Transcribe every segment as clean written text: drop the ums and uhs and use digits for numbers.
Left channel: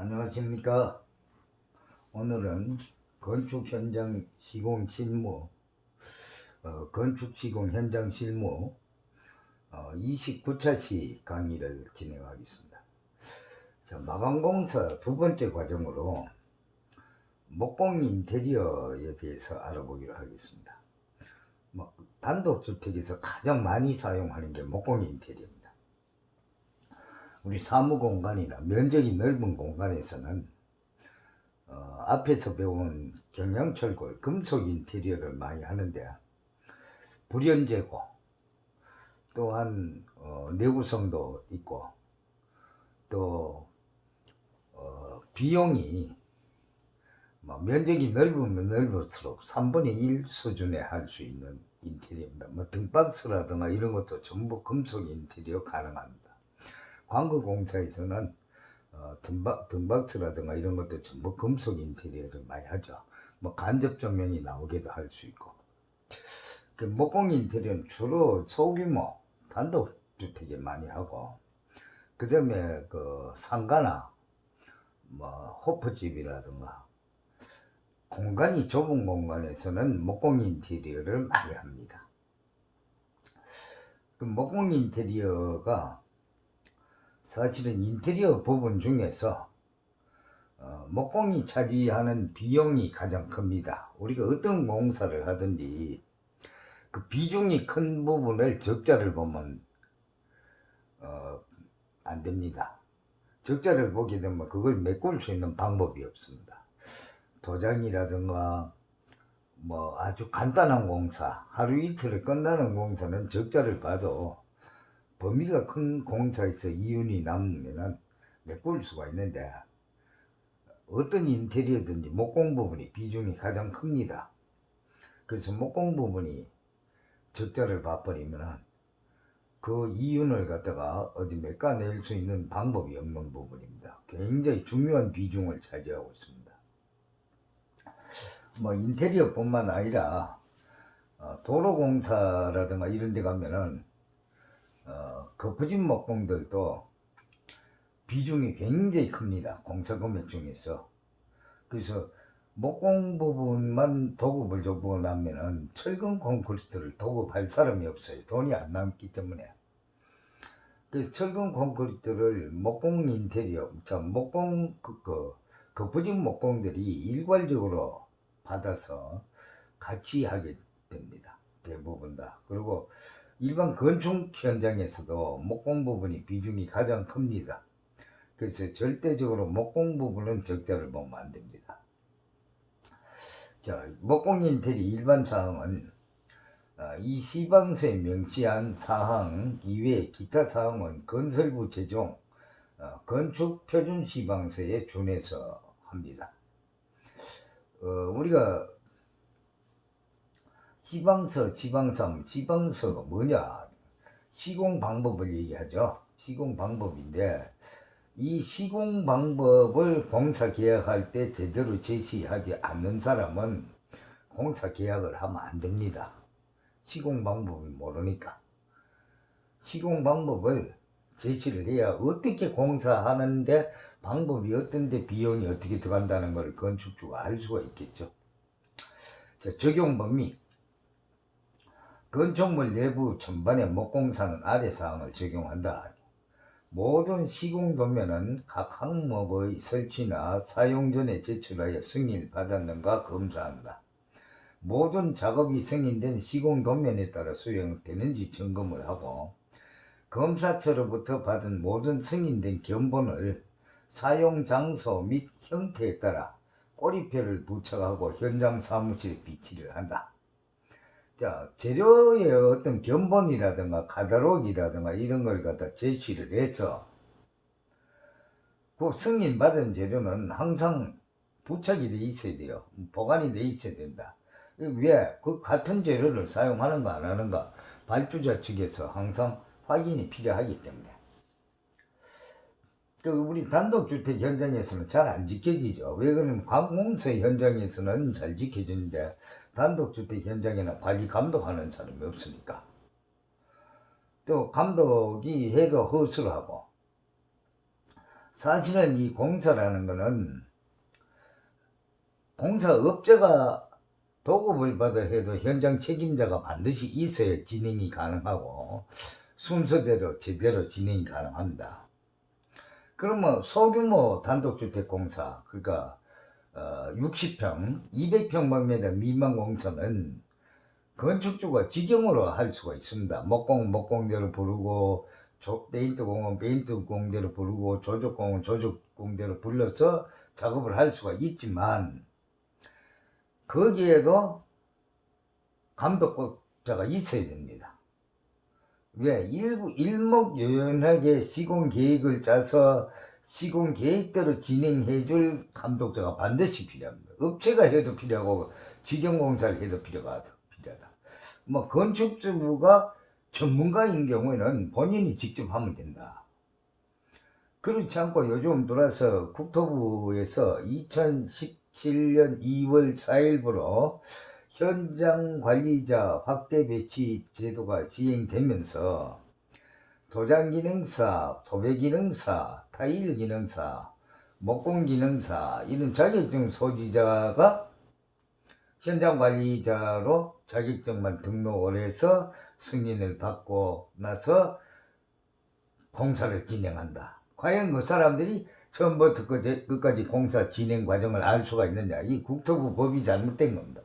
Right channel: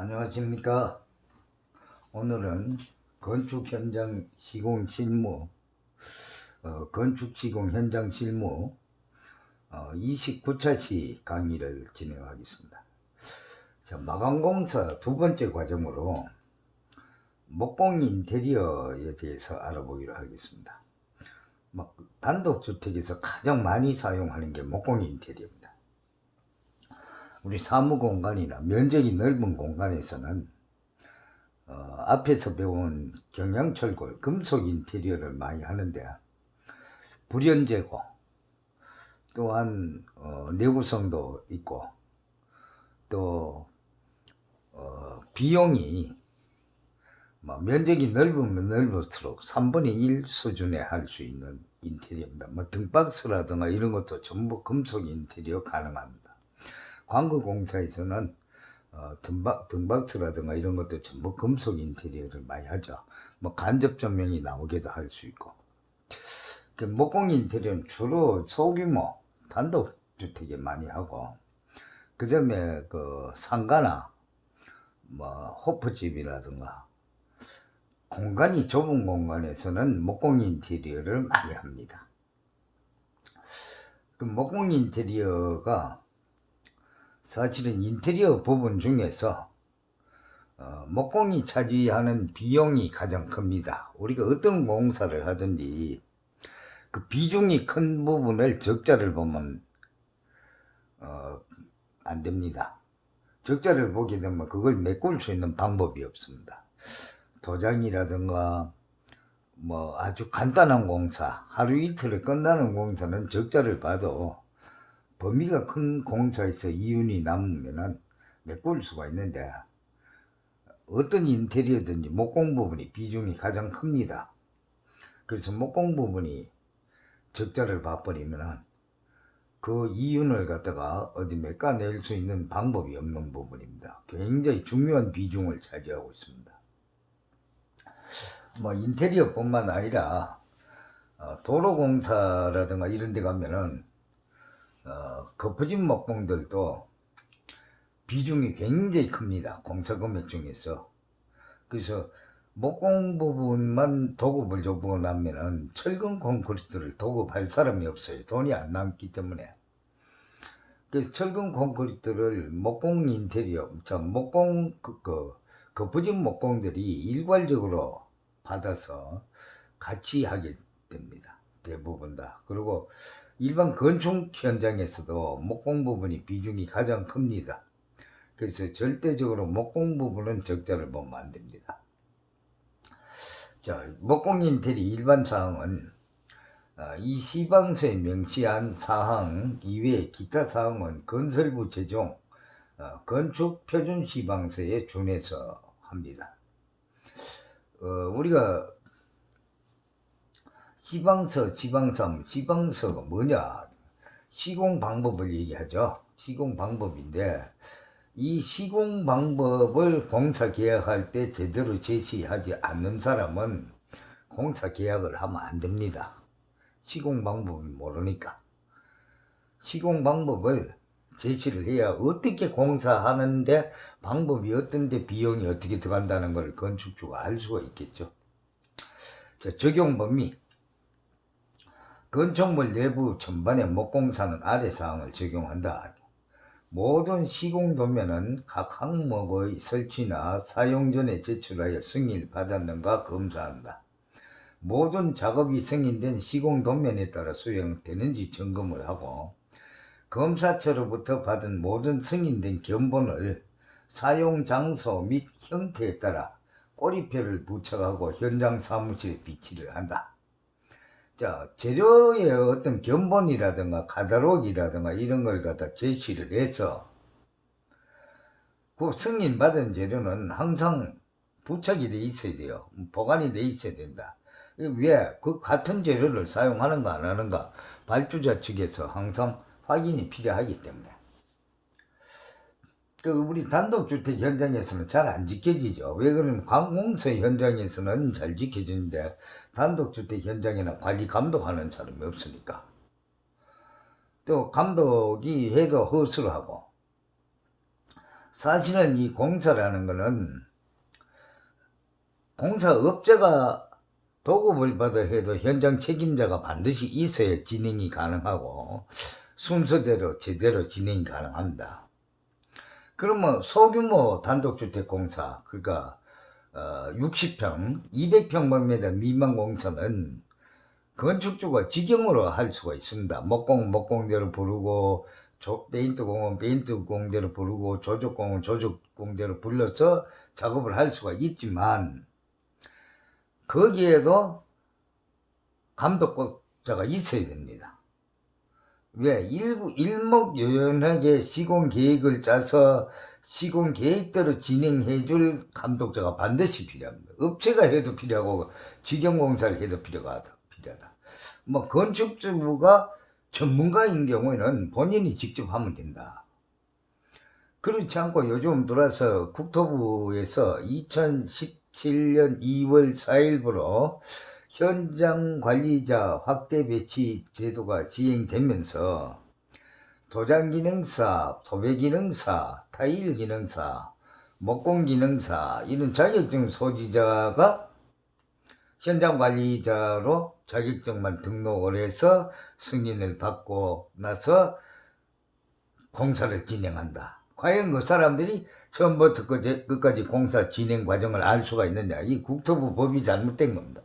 안녕하십니까. 오늘은 건축 현장 시공 실무, 건축 시공 현장 실무 29차 시 강의를 진행하겠습니다. 자, 마감공사 두 번째 과정으로 목공 인테리어에 대해서 알아보기로 하겠습니다. 단독주택에서 가장 많이 사용하는 게 목공 인테리어입니다. 우리 사무공간이나 면적이 넓은 공간에서는 앞에서 배운 경양철골, 금속 인테리어를 많이 하는데 불연제고 또한 내구성도 있고 또 비용이 면적이 넓으면 넓을수록 3분의 1 수준에 할 수 있는 인테리어입니다. 등박스라든가 이런 것도 전부 금속 인테리어 가능합니다. 광고공사에서는 등박스라든가 이런 것도 전부 금속 인테리어를 많이 하죠. 간접 조명이 나오게도 할 수 있고. 목공 인테리어는 주로 소규모 단독주택에 많이 하고, 그 다음에 상가나 호프집이라든가 공간이 좁은 공간에서는 목공 인테리어를 많이 합니다. 목공 인테리어가 사실은 인테리어 부분 중에서 목공이 차지하는 비용이 가장 큽니다. 우리가 어떤 공사를 하든지 그 비중이 큰 부분을 적자를 보면 안 됩니다. 적자를 보게 되면 그걸 메꿀 수 있는 방법이 없습니다. 도장이라든가 아주 간단한 공사, 하루 이틀에 끝나는 공사는 적자를 봐도 범위가 큰 공사에서 이윤이 남으면 메꿀 수가 있는데, 어떤 인테리어든지 목공 부분이 비중이 가장 큽니다. 그래서 목공 부분이 적자를 봐버리면 그 이윤을 갖다가 어디 메꿔낼 수 있는 방법이 없는 부분입니다. 굉장히 중요한 비중을 차지하고 있습니다. 인테리어뿐만 아니라 도로공사라든가 이런 데 가면은 거푸집 목공들도 비중이 굉장히 큽니다. 공사 금액 중에서. 그래서 목공 부분만 도급을 주고 나면은 철근 콘크리트를 도급할 사람이 없어요. 돈이 안 남기 때문에. 그래서 철근 콘크리트를 목공 인테리어, 거푸집 목공들이 일괄적으로 받아서 같이 하게 됩니다. 대부분 다. 그리고 일반 건축 현장에서도 목공 부분이 비중이 가장 큽니다. 그래서 절대적으로 목공 부분은 적자를 보면 안 됩니다. 자, 목공 인테리어 일반 사항은 이 시방서에 명시한 사항 이외에 기타 사항은 건설부 제정 건축 표준 시방서에 준해서 합니다. 우리가 시방서가 뭐냐? 시공 방법을 얘기하죠. 시공 방법인데, 이 시공 방법을 공사 계약할 때 제대로 제시하지 않는 사람은 공사 계약을 하면 안 됩니다. 시공 방법을 모르니까. 시공 방법을 제시를 해야 어떻게 공사하는데 방법이 어떤데 비용이 어떻게 들어간다는 걸 건축주가 알 수가 있겠죠. 자, 적용 범위. 건축물 내부 전반의 목공사는 아래 사항을 적용한다. 모든 시공도면은 각 항목의 설치나 사용 전에 제출하여 승인을 받았는가 검사한다. 모든 작업이 승인된 시공도면에 따라 수행되는지 점검을 하고, 검사처로부터 받은 모든 승인된 견본을 사용 장소 및 형태에 따라 꼬리표를 부착하고 현장 사무실에 비치를 한다. 자, 재료의 어떤 견본이라든가 카탈로그라든가 이런 걸 갖다 제시를 해서 그 승인받은 재료는 항상 부착이 돼 있어야 돼요. 보관이 돼 있어야 된다. 왜? 그 같은 재료를 사용하는가 안 하는가 발주자 측에서 항상 확인이 필요하기 때문에. 우리 단독주택 현장에서는 잘 안 지켜지죠. 왜 그러면 관공서 현장에서는 잘 지켜지는데 단독주택 현장이나 관리 감독하는 사람이 없으니까. 또 감독이 해도 허술하고 사실은 이 공사라는 거는 공사업자가 도급을 받아 해도 현장 책임자가 반드시 있어야 진행이 가능하고 순서대로 제대로 진행이 가능합니다. 그러면 소규모 단독주택공사, 그러니까 60평, 200평방미터 미만 공사는 건축주가 직영으로 할 수가 있습니다. 목공대로 부르고 페인트공은 페인트공대로 부르고 조적공은 조적공대로 불러서 작업을 할 수가 있지만 거기에도 감독자가 있어야 됩니다. 왜? 일목요연하게 시공계획을 짜서 시공계획대로 진행해줄 감독자가 반드시 필요합니다. 업체가 해도 필요하고 직영공사를 해도 필요하다. 뭐 건축주가 전문가인 경우에는 본인이 직접 하면 된다. 그렇지 않고 요즘 들어서 국토부에서 2017년 2월 4일부로 현장관리자 확대 배치 제도가 시행되면서 도장기능사, 도배기능사, 타일기능사, 목공기능사 이런 자격증 소지자가 현장관리자로 자격증만 등록을 해서 승인을 받고 나서 공사를 진행한다. 과연 그 사람들이 처음부터 끝까지 공사 진행 과정을 알 수가 있느냐. 이 국토부 법이 잘못된 겁니다.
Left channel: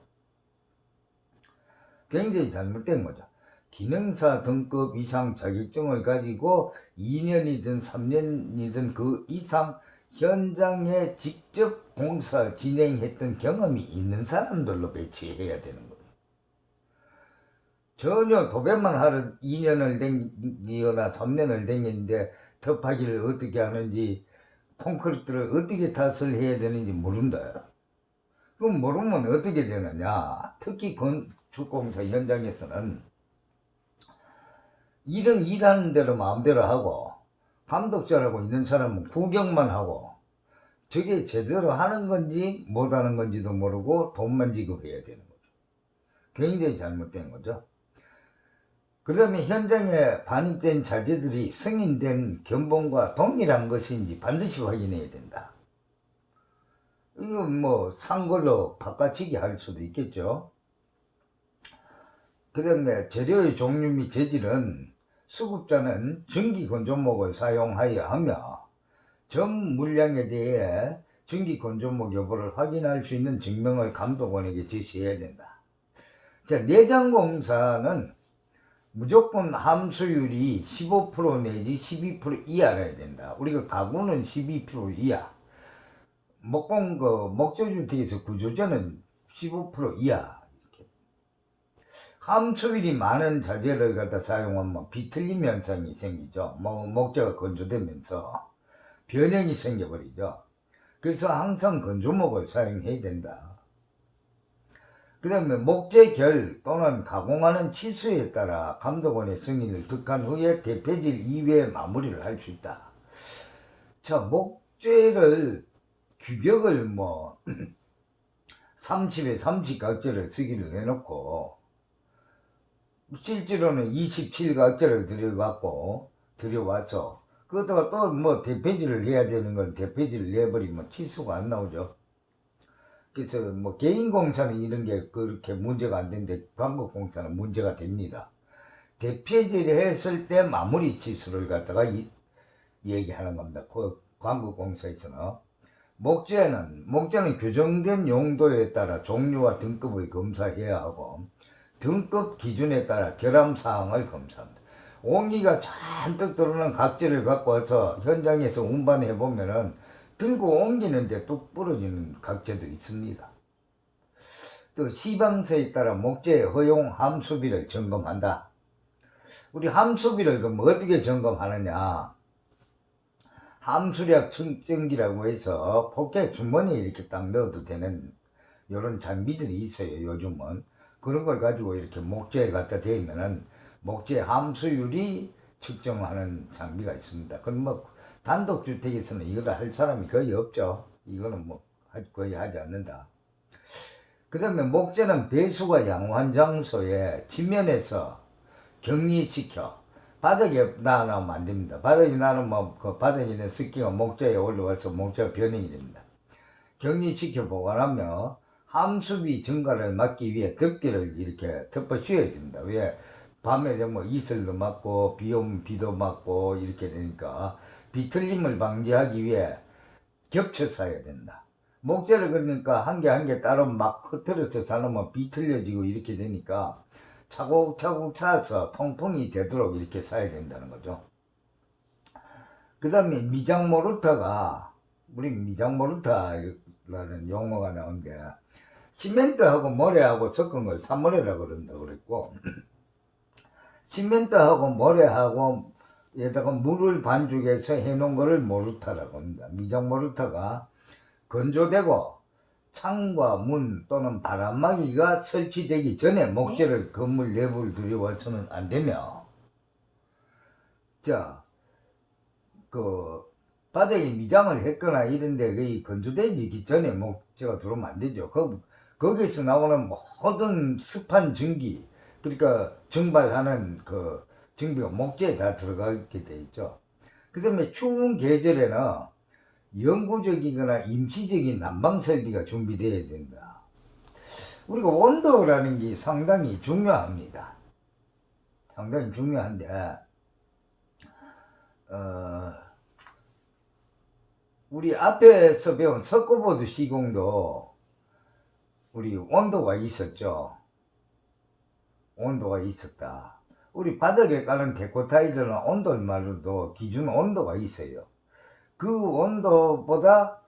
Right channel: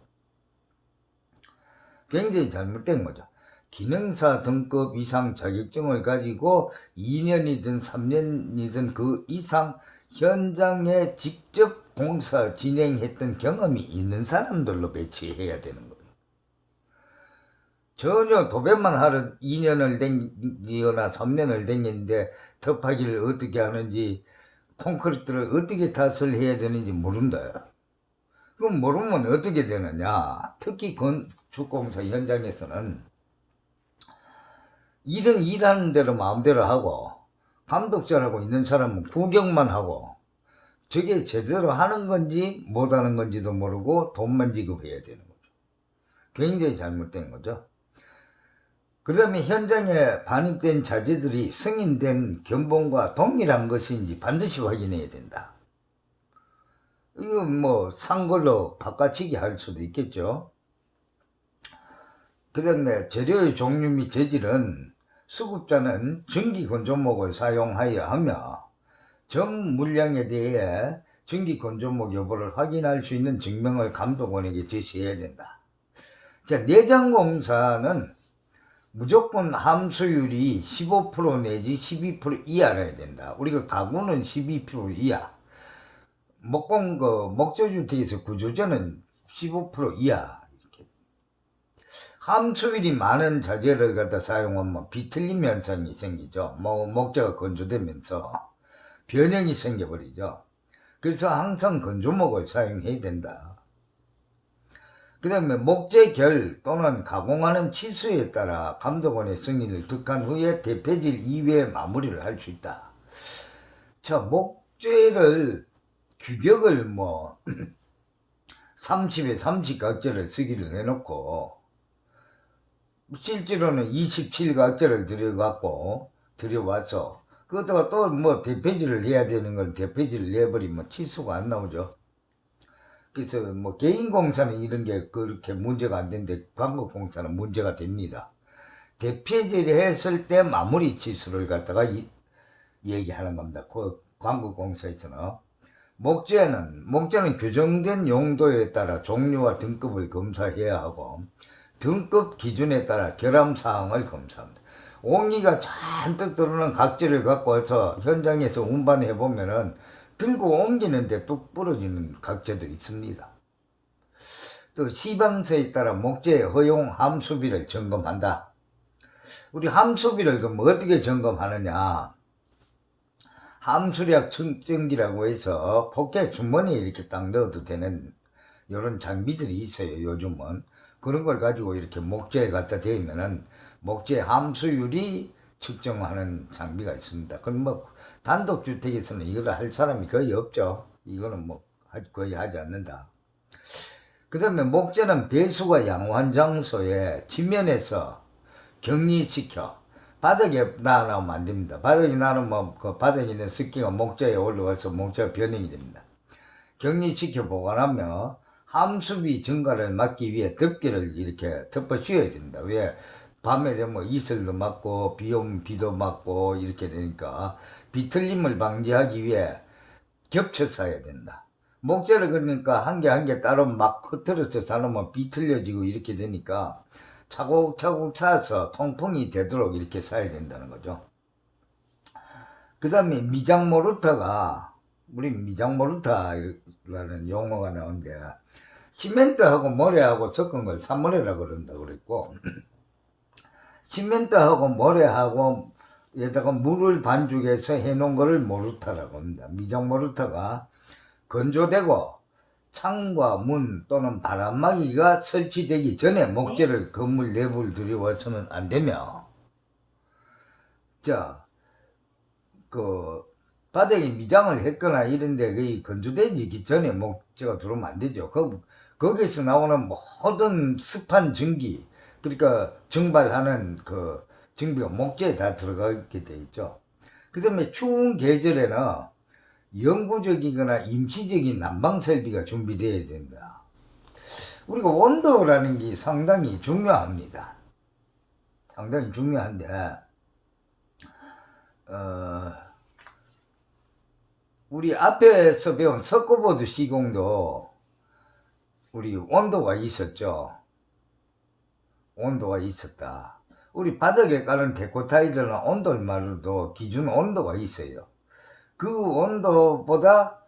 굉장히 잘못된 거죠. 기능사 등급 이상 자격증을 가지고 2년이든 3년이든 그 이상 현장에 직접 공사 진행했던 경험이 있는 사람들로 배치해야 되는 거예요. 전혀 도배만 하러 2년을 댕기거나 3년을 댕기는데 터파기를 어떻게 하는지 콘크리트를 어떻게 탓을 해야 되는지 모른다. 그럼 모르면 어떻게 되느냐. 특히 건축공사 현장에서는 일은 일하는 대로 마음대로 하고 감독자라고 있는 사람은 구경만 하고 저게 제대로 하는 건지 못하는 건지도 모르고 돈만 지급해야 되는 거죠. 굉장히 잘못된 거죠. 그 다음에 현장에 반입된 자재들이 승인된 견본과 동일한 것인지 반드시 확인해야 된다. 이거 뭐 산 걸로 바꿔치기 할 수도 있겠죠. 그 다음에 재료의 종류 및 재질은 수급자는 전기 건조목을 사용하여야 하며 정 물량에 대해 전기 건조목 여부를 확인할 수 있는 증명을 감독원에게 제시해야 된다. 자, 내장공사는 무조건 함수율이 15% 내지 12% 이하라야 된다. 우리가 가구는 12% 이하. 목조주택에서 구조자는 15% 이하. 이렇게. 함수율이 많은 자재를 갖다 사용하면 비틀림 현상이 생기죠. 목재가 건조되면서 변형이 생겨버리죠. 그래서 항상 건조목을 사용해야 된다. 그 다음에 목재결 또는 가공하는 치수에 따라 감독원의 승인을 득한 후에 대패질 이외에 마무리를 할 수 있다. 자, 목재를 규격을 30에 30각재를 쓰기를 해놓고 실제로는 27각재를 들여와서 그것다가 또 대패질을 해야 되는 건 대패질을 내버리면 치수가 안 나오죠. 그래서 개인 공사는 이런 게 그렇게 문제가 안 되는데 광고공사는 문제가 됩니다. 대패질 했을 때 마무리 치수를 갖다가 얘기하는 겁니다. 그 광고공사에서는 목재는 규정된 용도에 따라 종류와 등급을 검사해야 하고 등급 기준에 따라 결함사항을 검사합니다. 옹기가 잔뜩 들어오는 각재를 갖고 와서 현장에서 운반해 보면은 들고 옮기는데 뚝 부러지는 각재도 있습니다. 또 시방서에 따라 목재의 허용 함수비를 점검한다. 우리 함수비를 그럼 어떻게 점검하느냐. 함수량 측정기라고 해서 포켓 주머니에 이렇게 딱 넣어도 되는 이런 장비들이 있어요. 요즘은 그런 걸 가지고 이렇게 목재에 갖다 대면은 목재 함수율이 측정하는 장비가 있습니다. 그럼 단독주택에서는 이걸 할 사람이 거의 없죠. 이거는 거의 하지 않는다. 그 다음에 목재는 배수가 양호한 장소에 지면에서 격리시켜 바닥에 놔놓으면 안 됩니다. 바닥에 놔놓으면 그 바닥에 있는 습기가 목재에 올라와서 목재가 변형이 됩니다. 격리시켜 보관하며 함수비 증가를 막기 위해 덮개를 이렇게 덮어 씌워야 됩니다. 왜? 밤에 되면 이슬도 맞고 비 오면 비도 맞고 이렇게 되니까 비틀림을 방지하기 위해 겹쳐 쌓아야 된다. 목재를 그러니까 한 개 한 개 따로 막 흩어져서 쌓으면 비틀려지고 이렇게 되니까 차곡차곡 쌓아서 통풍이 되도록 이렇게 쌓아야 된다는 거죠. 그 다음에 미장 모르터가, 우리 미장 모르터라는 용어가 나오는데, 시멘트하고 모래하고 섞은 걸 사모래라고 그런다 그랬고, 시멘트하고 모래하고 에다가 물을 반죽해서 해놓은 거를 모르터라고 합니다. 미장 모르터가 건조되고 창과 문 또는 바람막이가 설치되기 전에 목재를 건물 내부를 들여와서는 안 되며, 자, 그 바닥에 미장을 했거나 이런데 거의 건조되기 전에 목재가 들어오면 안 되죠. 거기서 나오는 모든 습한 전기, 그러니까 증발하는 그 전기가 목재에 다 들어가게 돼 있죠. 그 다음에 추운 계절에는 영구적이거나 임시적인 난방 설비가 준비되어야 된다. 우리가 온도라는 게 상당히 중요합니다. 상당히 중요한데, 우리 앞에서 배운 석고보드 시공도 우리 온도가 있었죠. 온도가 있었다. 우리 바닥에 깔은 데코타일이나 온돌말로도 기준 온도가 있어요. 그 온도보다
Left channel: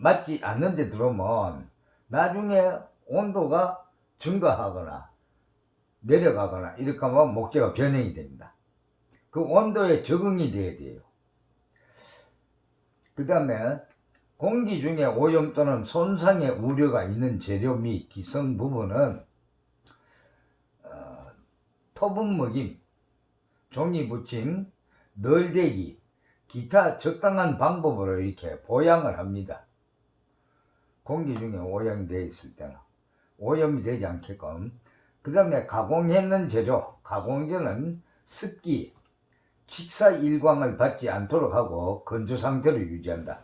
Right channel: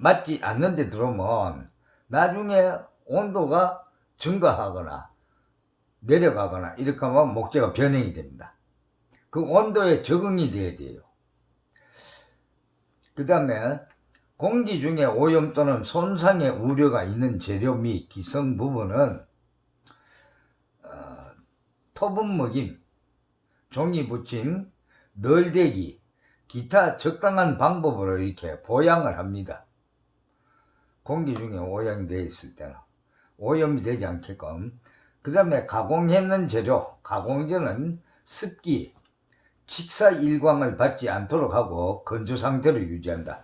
맞지 않는 데 들어오면 나중에 온도가 증가하거나 내려가거나 이렇게 하면 목재가 변형이 됩니다. 그 온도에 적응이 돼야 돼요. 그 다음에 공기 중에 오염 또는 손상의 우려가 있는 재료 및 기성 부분은 토분 먹임, 종이 붙임, 널대기, 기타 적당한 방법으로 이렇게 보양을 합니다. 공기 중에 오염이 되어 있을 때는 오염이 되지 않게끔. 그 다음에 가공했는 재료, 가공전은 습기, 직사일광을 받지 않도록 하고 건조 상태로 유지한다.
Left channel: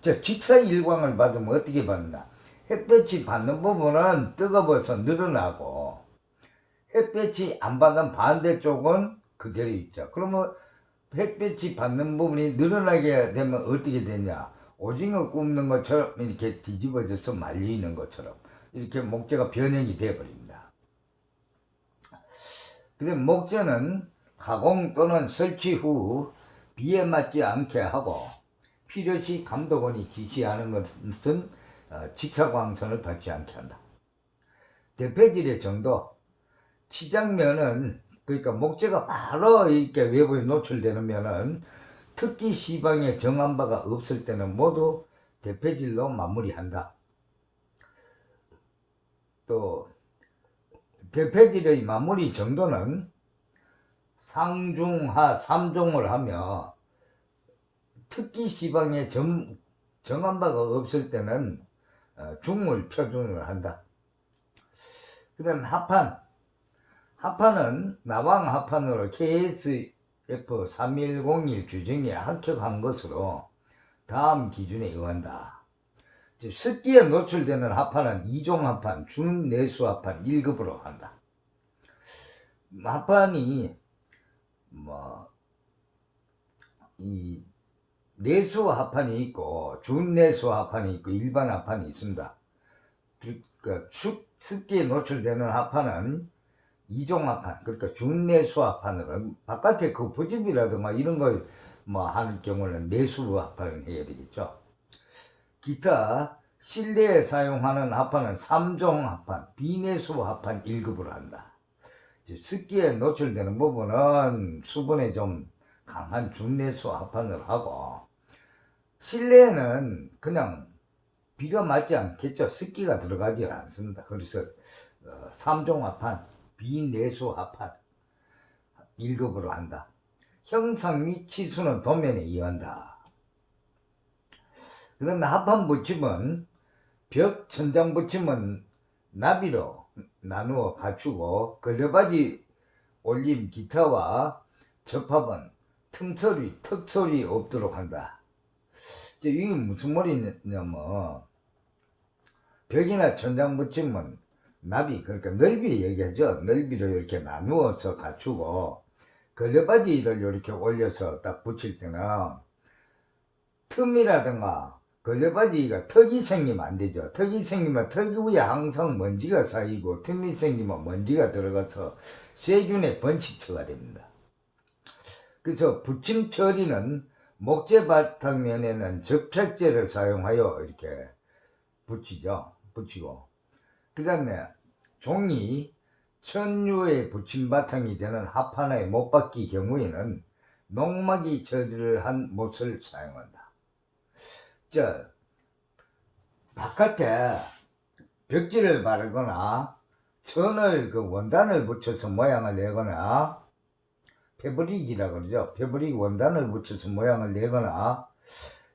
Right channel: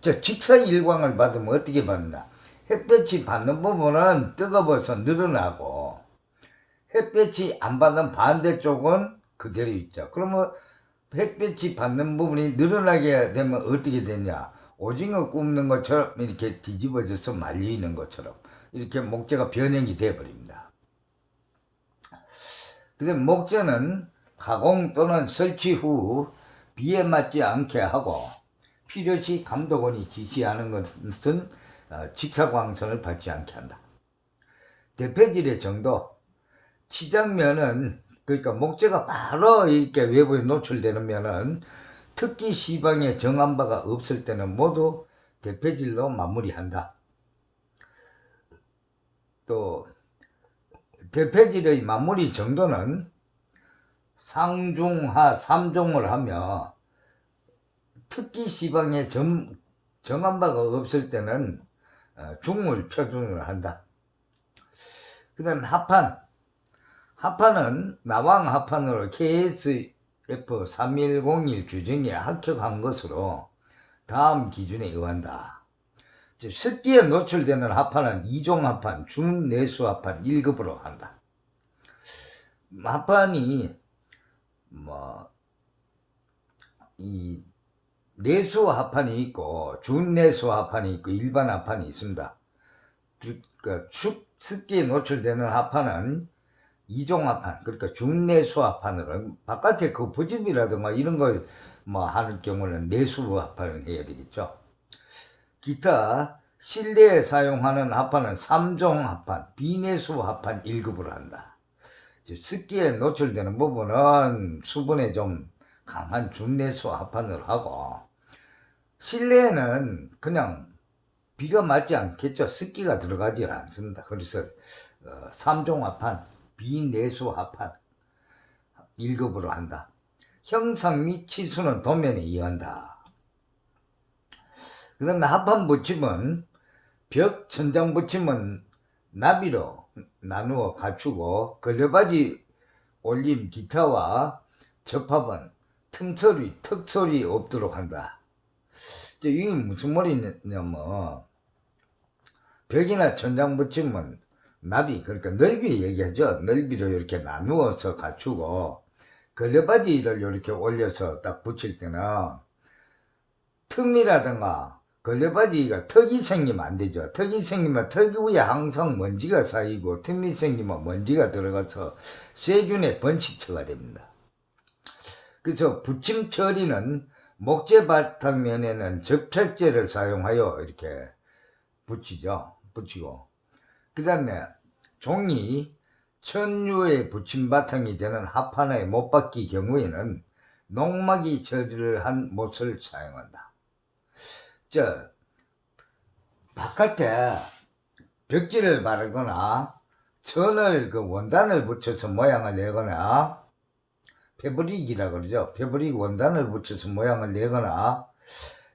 직사일광을 받으면 어떻게 받는다? 햇볕이 받는 부분은 뜨거워서 늘어나고 햇볕이 안 받는 반대쪽은 그대로 있죠. 그러면 햇볕이 받는 부분이 늘어나게 되면 어떻게 되냐? 오징어 굽는 것처럼 이렇게 뒤집어져서 말리는 것처럼 이렇게 목재가 변형이 되어버립니다. 그래서 목재는 가공 또는 설치 후 비에 맞지 않게 하고 필요시 감독원이 지시하는 것은 직사광선을 받지 않게 한다. 대패질의 정도, 치장면은 그러니까 목재가 바로 이렇게 외부에 노출되는 면은 특기 시방에 정한 바가 없을 때는 모두 대패질로 마무리한다. 또 대패질의 마무리 정도는 상중하 3종을 하며 특기 시방에 정한 바가 없을 때는 중물 표준을 한다. 그 다음 합판은 나왕 합판으로 KSF3101 규정에 합격한 것으로 다음 기준에 의한다. 습기에 노출되는 합판은 2종 합판, 준내수 합판 1급으로 한다. 합판이 이 내수 합판이 있고 준내수 합판이 있고 일반 합판이 있습니다. 그러니까 습기에 노출되는 합판은 2종 합판, 그러니까 준내수 합판으로 바깥에 그 부집이라든가 이런 걸 하는 경우는 내수 합판을 해야 되겠죠. 기타 실내에 사용하는 합판은 3종 합판, 비내수 합판 1급으로 한다. 습기에 노출되는 부분은 수분에 좀 강한 준내수 합판으로 하고, 실내에는 그냥 비가 맞지 않겠죠. 습기가 들어가지 않습니다. 그래서 3종 합판, 비내수 합판 1급으로 한다. 형상 및 치수는 도면에 의한다. 그 다음에 합판 붙임은 벽 천장 붙임은 나비로 나누어 갖추고 걸레바지 올림 기타와 접합은 턱소리 없도록 한다. 이게 무슨 말이냐면 벽이나 천장 붙이면 나비, 그러니까 넓이 얘기하죠. 넓이를 이렇게 나누어서 갖추고 걸레바지를 이렇게 올려서 딱 붙일 때는 틈이라든가 걸레바지가 턱이 생기면 안 되죠. 턱이 생기면 턱 위에 항상 먼지가 쌓이고 틈이 생기면 먼지가 들어가서 세균의 번식처가 됩니다. 그래서 붙임 처리는 목재 바탕면에는 접착제를 사용하여 이렇게 붙이고 그 다음에 종이 천유의 붙임 바탕이 되는 합판의 못받기 경우에는 농막이 처리를 한 못을 사용한다. 바깥에 벽지를 바르거나 천을 원단을 붙여서 모양을 내거나 패브릭이라 그러죠. 패브릭 원단을 붙여서 모양을 내거나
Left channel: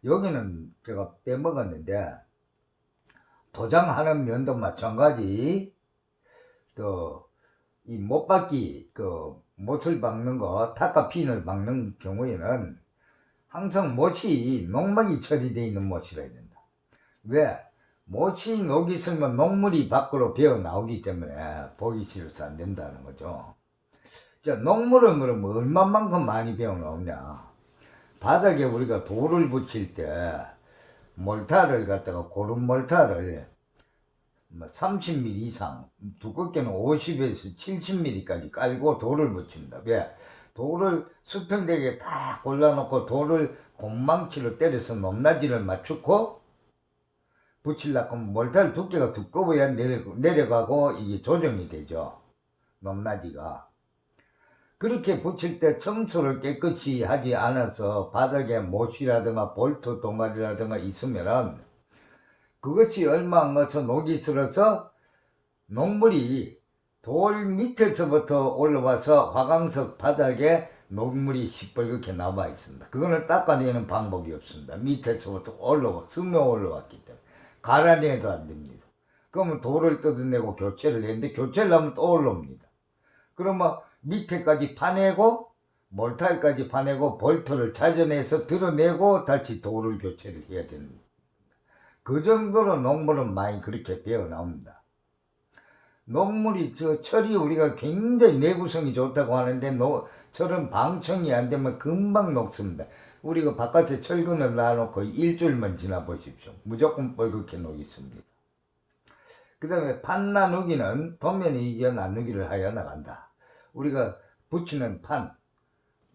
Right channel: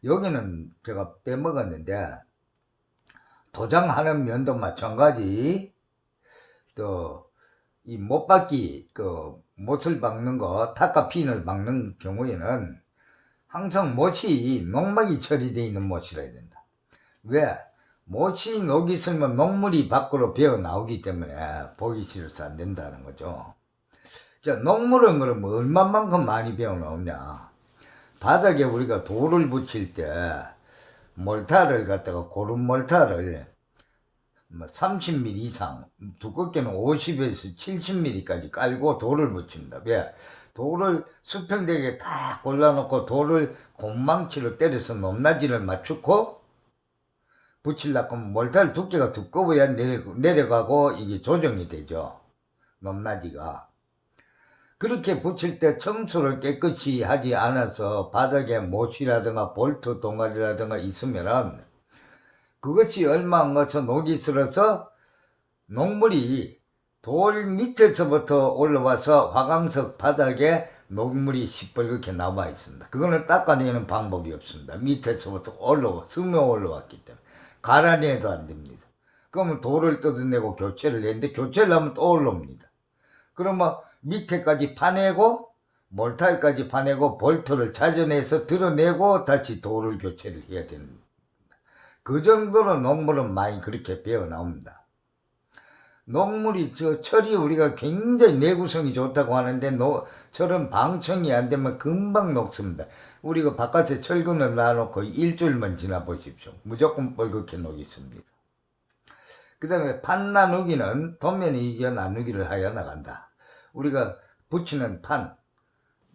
여기는 제가 빼먹었는데 도장하는 면도 마찬가지 또 이 못박기 못을 박는 거 타카핀을 박는 경우에는 항상 못이 농막이 처리되어 있는 못이라 해야 된다. 왜? 못이 녹이 있으면 녹물이 밖으로 배어 나오기 때문에 보기 싫어서 안 된다는 거죠. 자, 녹물은 그러면 얼마만큼 많이 배어 나오냐? 바닥에 우리가 돌을 붙일 때 몰타를 갖다가 고른 몰타를 30mm 이상, 두껍게는 50에서 70mm까지 깔고 돌을 붙입니다. 왜? 돌을 수평되게 다 골라놓고 돌을 공망치로 때려서 높낮이를 맞추고 붙이려고 하면 몰타를 두께가 두꺼워야 내려가고 이게 조정이 되죠. 높낮이가. 그렇게 붙일 때 청소를 깨끗이 하지 않아서 바닥에 못이라든가 볼트 동아리라든가 있으면은 그것이 얼마 안 가서 녹이 슬어서 녹물이 돌 밑에서부터 올라와서 화강석 바닥에 녹물이 시뻘겋게 남아 있습니다. 그거는 닦아내는 방법이 없습니다. 밑에서부터 스며 올라왔기 때문에 갈아내도 안 됩니다. 그러면 돌을 뜯어내고 교체를 했는데 교체를 하면 또 올라옵니다. 그러면 밑에까지 파내고 몰타까지 파내고 볼트를 찾아내서 드러내고 다시 돌을 교체를 해야 됩니다. 그 정도로 녹물은 많이 그렇게 배어 나옵니다. 녹물이 철이 우리가 굉장히 내구성이 좋다고 하는데 철은 방청이 안 되면 금방 녹습니다. 우리가 바깥에 철근을 놔놓고 일주일만 지나 보십시오. 무조건 뻘겋게 녹습니다. 그 다음에 판 나누기는 도면에 이겨 나누기를 하여 나간다. 우리가 붙이는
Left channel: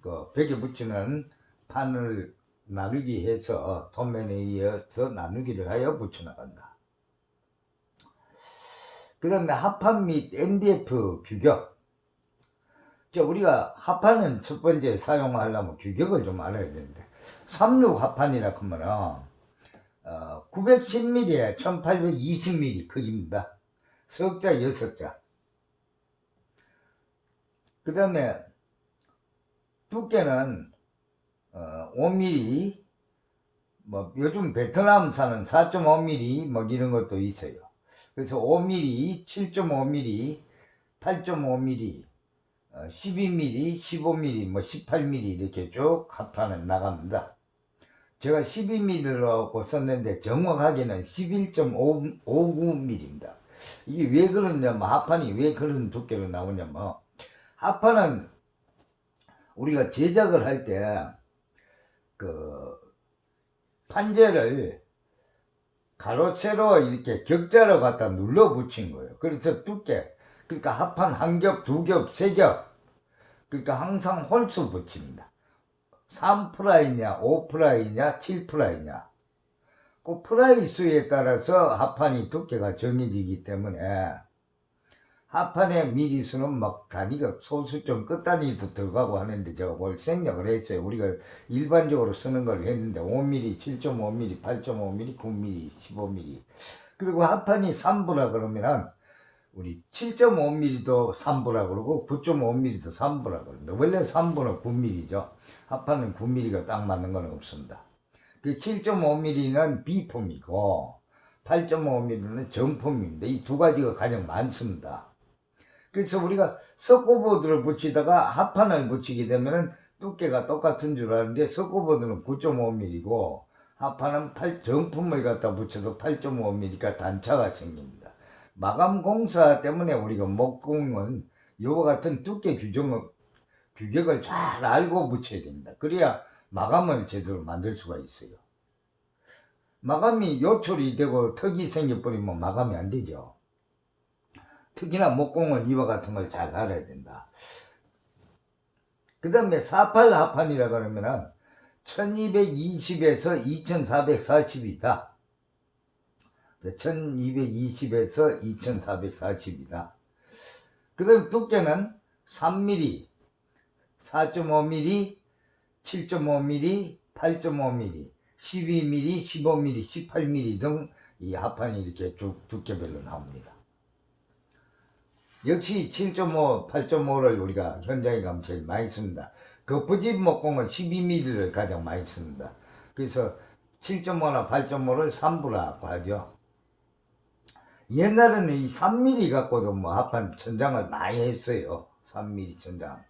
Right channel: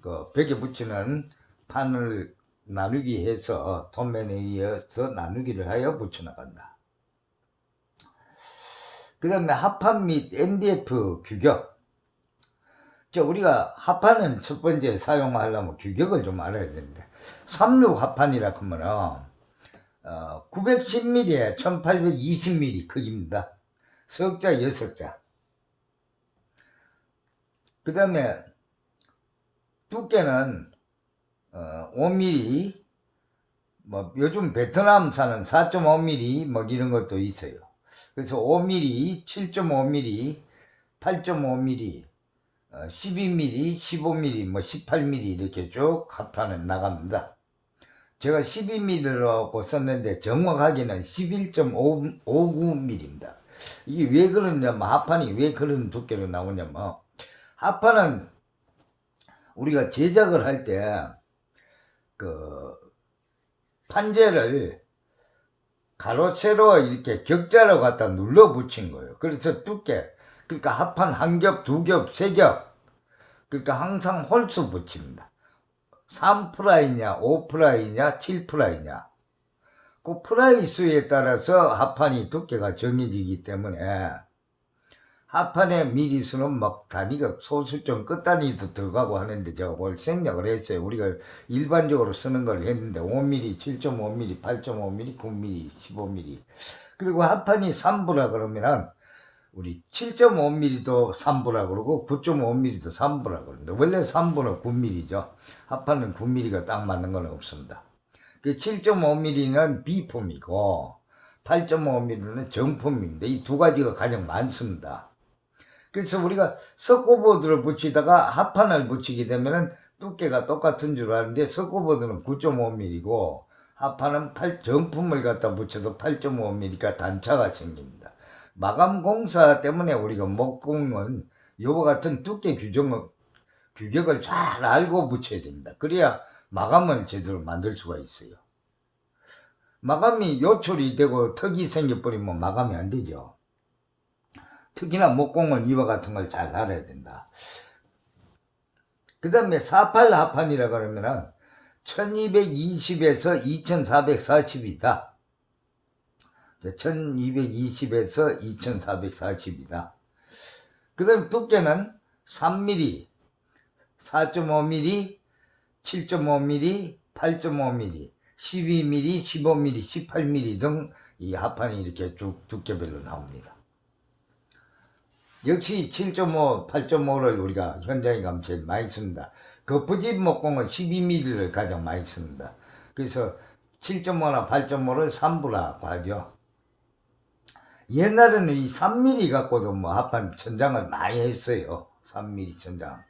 벽에 붙이는 판을 나누기 해서 도면에 이어서 나누기를 하여 붙여나간다. 그 다음에 합판 및 MDF 규격. 우리가 합판은 첫 번째 사용하려면 규격을 좀 알아야 되는데 36 합판이라 하면은 910mm에 1820mm 크기입니다. 석자 6자. 그 다음에 두께는 5mm, 요즘 베트남산은 4.5mm 이런 것도 있어요. 그래서 5mm, 7.5mm, 8.5mm, 12mm, 15mm, 18mm 이렇게 쭉 합판은 나갑니다. 제가 12mm라고 썼는데 정확하게는 11.59mm입니다. 이게 왜 그러냐면 합판이 왜 그런 두께로 나오냐면 합판은 우리가 제작을 할 때 판재를 가로 세로 이렇게 격자로 갖다 눌러 붙인 거예요. 그래서 두께, 그러니까 합판 한 겹, 두 겹, 세 겹, 그러니까 항상 홀수 붙입니다. 3프라이냐 5프라이냐 7프라이냐 그 프라이 수에 따라서 합판이 두께가 정해지기 때문에 합판의 미리수는 단위가 소수점 끝단위도 들어가고 하는데 제가 뭘 생략을 했어요. 우리가 일반적으로 쓰는 걸 했는데 5mm, 7.5mm, 8.5mm, 9mm, 15mm 그리고 합판이 3부라 그러면은 우리 7.5mm도 3부라 그러고 9.5mm도 3부라 그러는데 원래 3부는 9mm죠. 합판은 9mm가 딱 맞는 건 없습니다. 그 7.5mm는 비폼이고 8.5mm는 정폼입니다. 이 두 가지가 가장 많습니다. 그래서 우리가 석고보드를 붙이다가 합판을 붙이게 되면은 두께가 똑같은 줄 아는데 석고보드는 9.5mm고 합판은 정품을 갖다 붙여도 8.5mm가 단차가 생깁니다. 마감 공사 때문에 우리가 목공은 이와 같은 두께 규격을 잘 알고 붙여야 됩니다. 그래야 마감을 제대로 만들 수가 있어요. 마감이 요철이 되고 턱이 생겨버리면 마감이 안 되죠. 특히나 목공은 이와 같은 걸 잘 알아야 된다. 그 다음에 48 합판이라 그러면은 1220에서 2440이다. 1220에서 2440이다. 그 다음 두께는 3mm, 4.5mm, 7.5mm, 8.5mm, 12mm, 15mm, 18mm 등 이 합판이 이렇게 쭉 두께별로 나옵니다. 역시 7.5, 8.5를 우리가 현장에 가면 제일 많이 씁니다. 거푸집 목공은 12mm를 가장 많이 씁니다. 그래서 7.5나 8.5를 3부라고 하죠. 옛날에는 이 3mm 갖고도 뭐 합판 천장을 많이 했어요. 3mm 천장.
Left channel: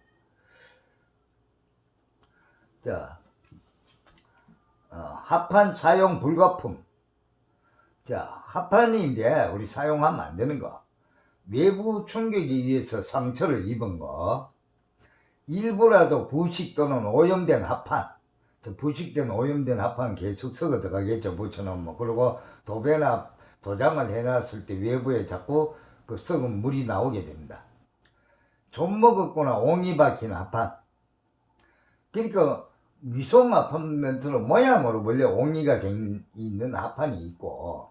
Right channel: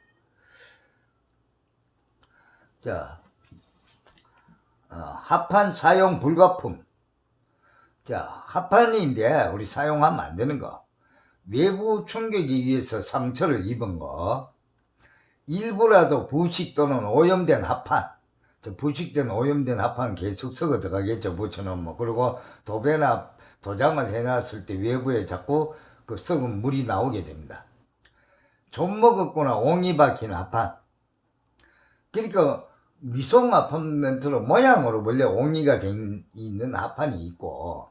자, 합판 사용 불가품. 자, 합판인데 우리 사용하면 안 되는 거. 외부 충격에 의해서 상처를 입은 거, 일부라도 부식 또는 오염된 합판, 부식된 오염된 합판 계속 썩어 들어가겠죠. 붙여놓으면. 그리고 도배나 도장을 해놨을 때 외부에 자꾸 그 썩은 물이 나오게 됩니다. 좀 먹었거나 옹이 박힌 합판. 그러니까 미소 아파트로 모양으로 원래 옹이가 된 있는 합판이 있고,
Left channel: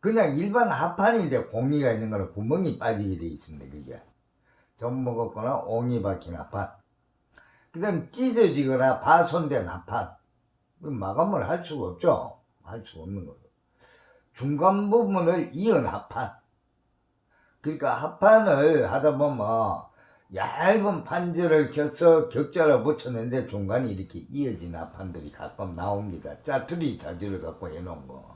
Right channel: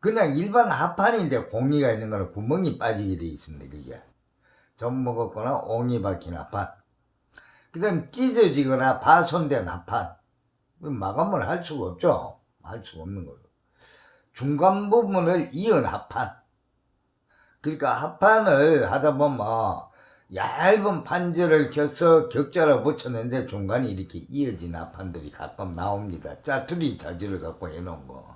그냥 일반 합판인데 공기가 있는 거는 구멍이 빠지게 되어 있습니다. 그게 좀 먹었거나 옹이 박힌 합판. 그 다음 찢어지거나 파손된 합판. 마감을 할 수가 없죠. 할 수가 없는 거죠. 중간 부분을 이은 합판. 그러니까 합판을 하다 보면 얇은 판재를 켜서 격자로 붙였는데 중간에 이렇게 이어진 합판들이 가끔 나옵니다. 짜투리 자질을 갖고 해놓은 거.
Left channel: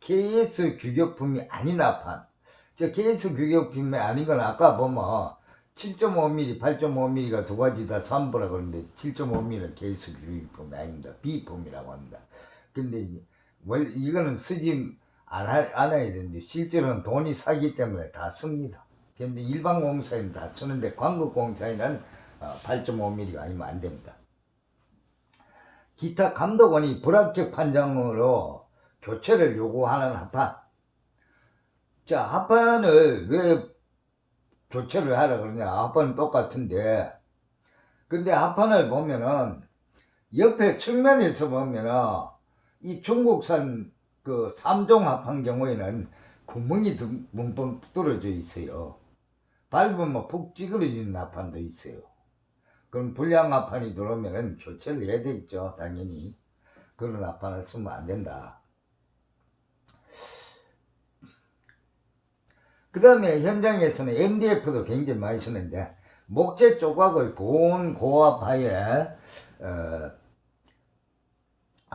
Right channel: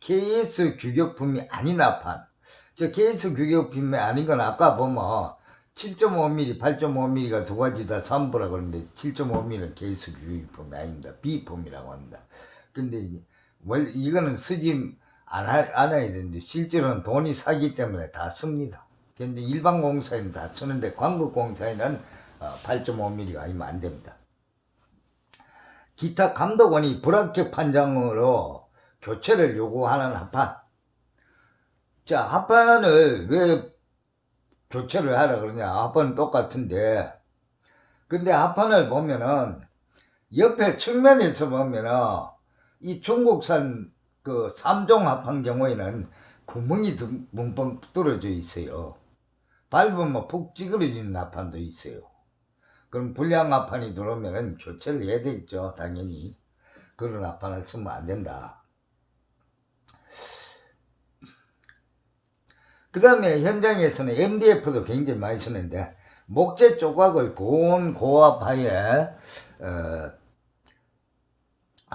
KS 규격품이 아닌 합판. 저 KS 규격품이 아닌 건 아까 보면 7.5mm, 8.5mm가 두 가지 다 3부라 그러는데 7.5mm는 KS 규격품이 아닙니다. B품이라고 합니다. 근데 원래 이거는 쓰지 않아야 되는데 실제로는 돈이 사기 때문에 다 씁니다. 근데 일반 공사에는 다 쓰는데 광급 공사에는 8.5mm가 아니면 안 됩니다. 기타 감독원이 불합격 판정으로 교체를 요구하는 합판. 자, 합판을 왜 교체를 하라 그러냐. 합판은 똑같은데. 근데 합판을 보면은 옆에 측면에서 보면은 이 중국산 그 3종 합판 경우에는 구멍이 뭉뻥 뚫어져 있어요. 밟으면 푹 찌그러지는 합판도 있어요. 그럼 불량 합판이 들어오면 교체를 해야 되겠죠. 당연히. 그런 합판을 쓰면 안 된다. 그 다음에 현장에서는 MDF도 굉장히 많이 쓰는데 목재 조각을 고온 고압하에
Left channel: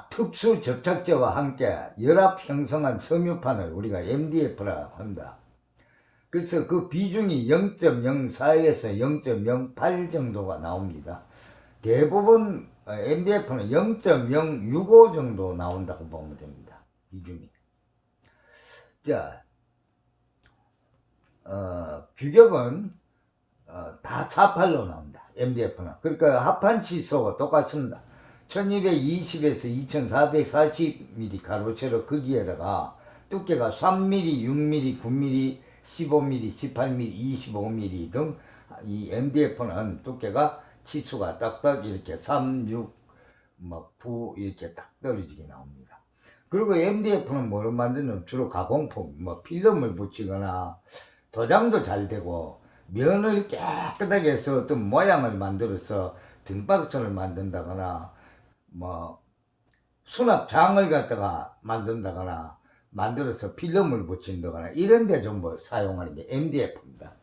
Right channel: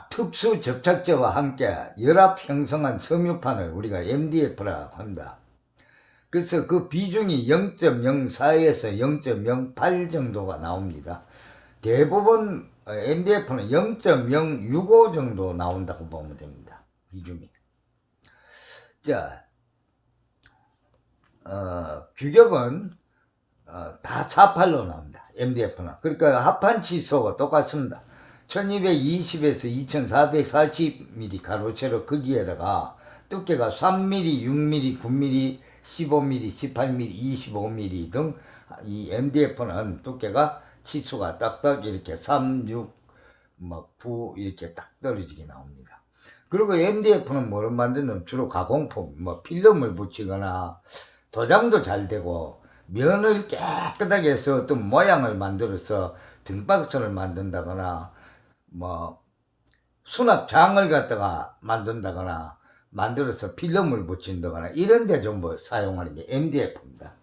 특수 접착제와 함께 열압 형성한 섬유판을 우리가 MDF라고 합니다. 그래서 그 비중이 0.04에서 0.08 정도가 나옵니다. 대부분 MDF는 0.065 정도 나온다고 보면 됩니다. 비중이. 자, 규격은 다 48로 나옵니다. MDF는. 그러니까 합판 치수가 똑같습니다. 1220에서 2440mm 가로세로 거기에다가 두께가 3mm, 6mm, 9mm, 15mm, 18mm, 25mm 등 이 MDF는 두께가 치수가 딱딱 이렇게 3, 6, 9 이렇게 딱 떨어지게 나옵니다. 그리고 MDF는 뭐를 만드는 주로 가공품, 필름을 붙이거나 도장도 잘 되고 면을 깨끗하게 해서 어떤 모양을 만들어서 등박천을 만든다거나 수납장을 갖다가 만든다거나 만들어서 필름을 붙인다거나 이런 데 전부 사용하는 게 MDF입니다.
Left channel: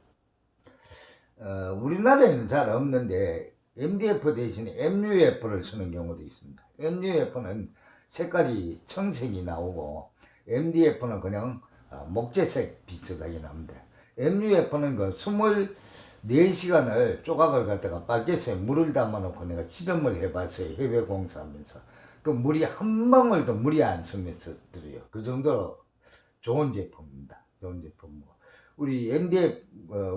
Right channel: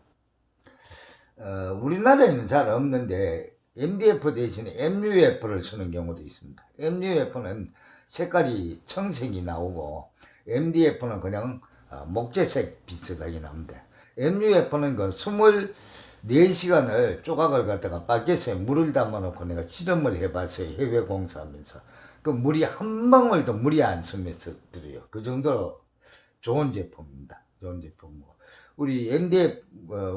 우리나라에는 잘 없는데 MDF 대신에 MUF를 쓰는 경우도 있습니다. MUF는 색깔이 청색이 나오고 MDF는 그냥 목재색 비슷하게 나옵니다. MUF는 그 24시간을 조각을 갖다가 바켓에 물을 담아놓고 내가 실험을 해봤어요. 해외 공사하면서. 그 물이 한 방울도 물이 안 스면서 들어요. 그 정도로 좋은 제품입니다. 좋은 제품이고. 우리 MDF,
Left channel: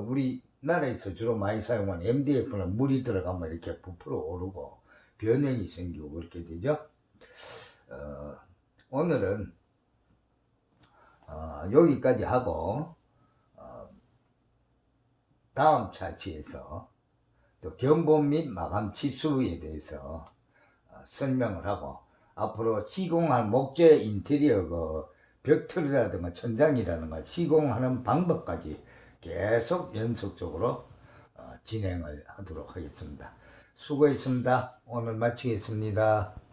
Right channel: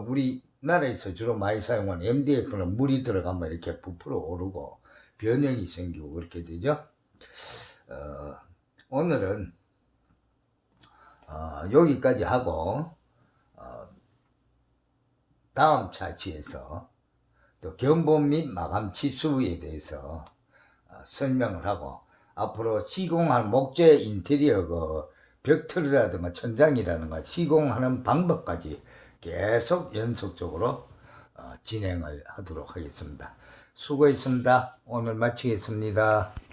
우리나라에서 주로 많이 사용하는 MDF는 물이 들어가면 이렇게 부풀어 오르고 변형이 생기고 그렇게 되죠. 오늘은 여기까지 하고 다음 차치에서 또 견본 및 마감 치수에 대해서 설명을 하고 앞으로 시공할 목재 인테리어 그 벽틀이라든가 천장이라든가 시공하는 방법까지 계속 연속적으로 진행을 하도록 하겠습니다. 수고했습니다. 오늘 마치겠습니다.